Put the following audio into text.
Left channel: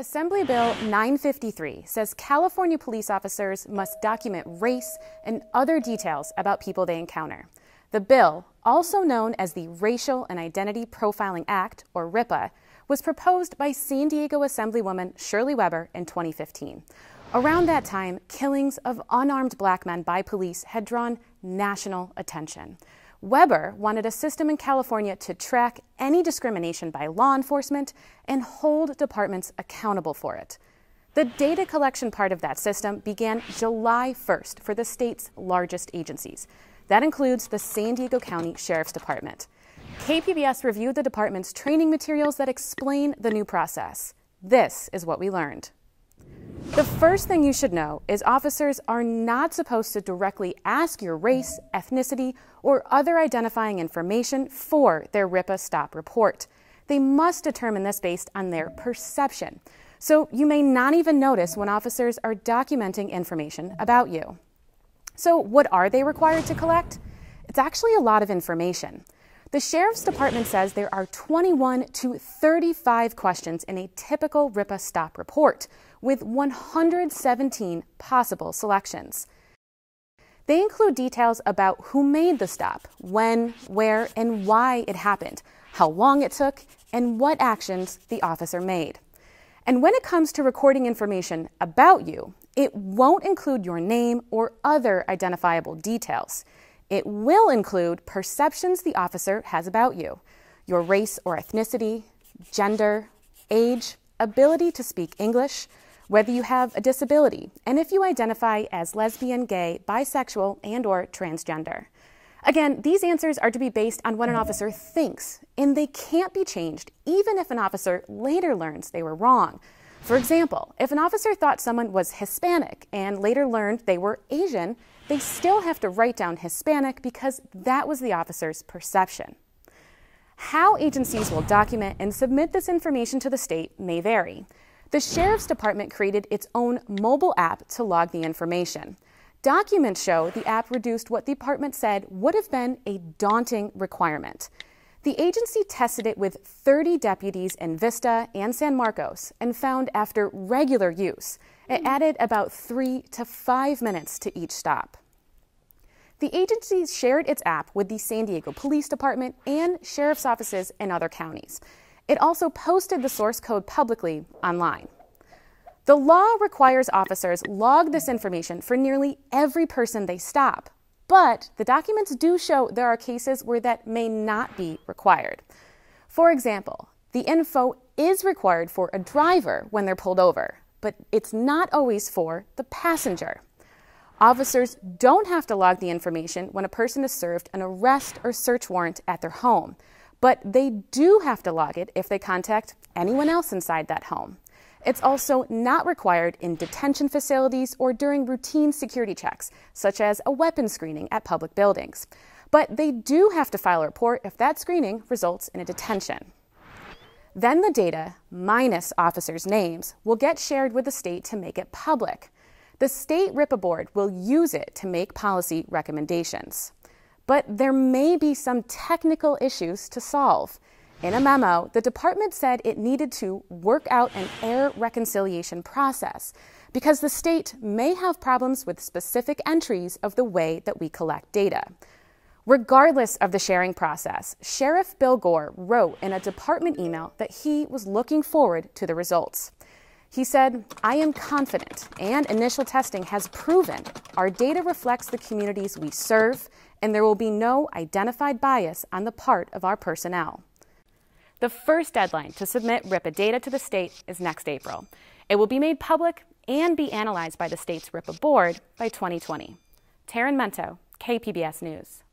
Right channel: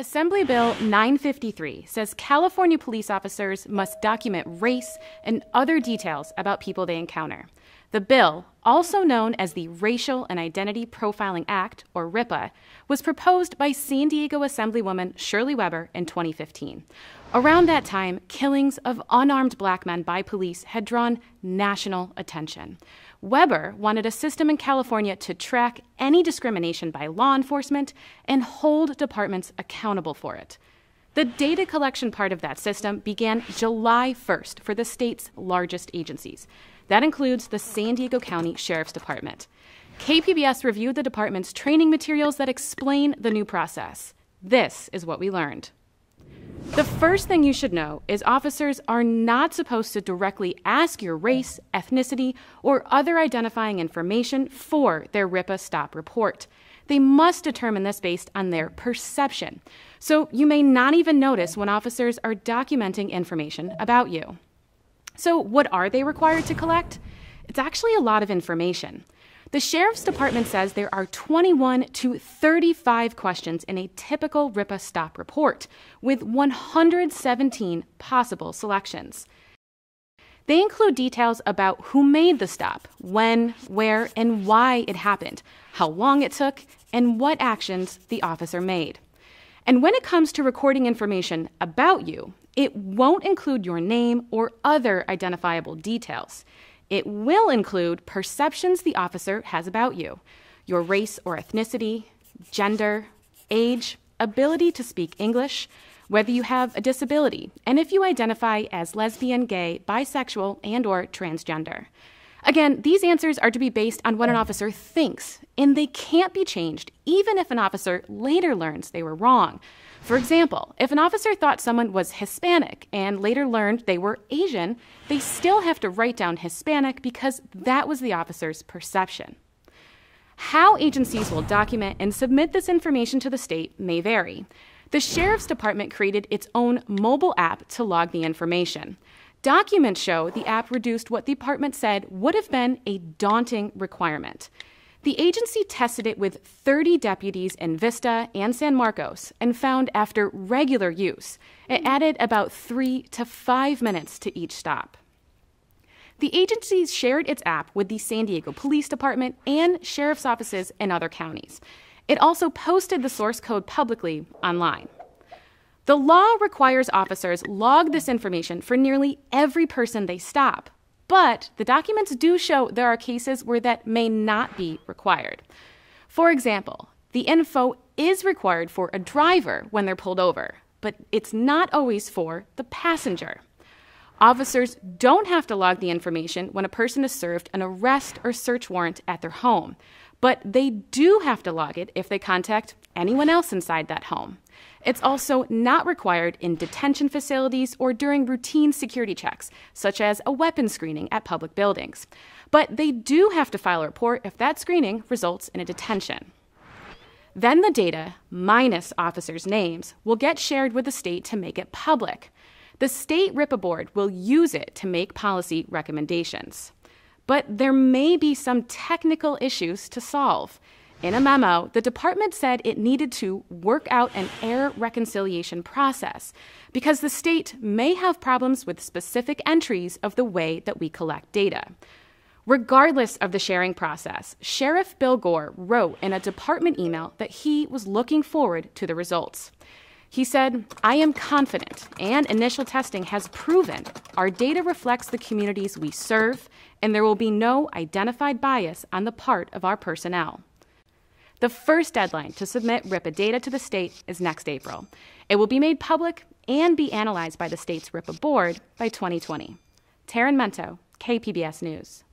Assembly Bill 953 says California police officers must document race and other details about people they encounter. The bill, also known as the Racial and Identity Profiling Act, or RIPA, was proposed by San Diego Assemblywoman Shirley Weber in 2015. Around that time, killings of unarmed black men by police had drawn national attention. Weber wanted a system in California to track any discrimination by law enforcement and hold departments accountable for it. The data collection part of that system began July 1st for the state's largest agencies. That includes the San Diego County Sheriff's Department. KPBS reviewed the department's training materials that explain the new process. This is what we learned. The first thing you should know is officers are not supposed to directly ask your race, ethnicity, or other identifying information for their RIPA stop report. They must determine this based on their perception. So you may not even notice when officers are documenting information about you. So what are they required to collect? It's actually a lot of information. The Sheriff's Department says there are 21 to 35 questions in a typical RIPA stop report, with 117 possible selections. They include details about who made the stop, when, where, and why it happened, how long it took, and what actions the officer made. And when it comes to recording information about you, it won't include your name or other identifiable details. It will include perceptions the officer has about you, your race or ethnicity, gender, age, ability to speak English, whether you have a disability, and if you identify as lesbian, gay, bisexual, and/or transgender. Again, these answers are to be based on what an officer thinks, and they can't be changed even if an officer later learns they were wrong. For example, if an officer thought someone was Hispanic and later learned they were Asian, they still have to write down Hispanic because that was the officer's perception. How agencies will document and submit this information to the state may vary. The Sheriff's Department created its own mobile app to log the information. Documents show the app reduced what the department said would have been a daunting requirement. The agency tested it with 30 deputies in Vista and San Marcos and found after regular use, it added about 3 to 5 minutes to each stop. The agency shared its app with the San Diego Police Department and sheriff's offices in other counties. It also posted the source code publicly online. The law requires officers log this information for nearly every person they stop. But the documents do show there are cases where that may not be required. For example, the info is required for a driver when they're pulled over, but it's not always for the passenger. Officers don't have to log the information when a person is served an arrest or search warrant at their home, but they do have to log it if they contact anyone else inside that home. It's also not required in detention facilities or during routine security checks, such as a weapons screening at public buildings. But they do have to file a report if that screening results in a detention. Then the data, minus officers' names, will get shared with the state to make it public. The state RIPA board will use it to make policy recommendations. But there may be some technical issues to solve. In a memo, the department said it needed to work out an error reconciliation process because the state may have problems with specific entries of the way that we collect data. Regardless of the sharing process, Sheriff Bill Gore wrote in a department email that he was looking forward to the results. He said, "I am confident, and initial testing has proven our data reflects the communities we serve, and there will be no identified bias on the part of our personnel." The first deadline to submit RIPA data to the state is next April. It will be made public and be analyzed by the state's RIPA board by 2020. Taryn Mento, KPBS News.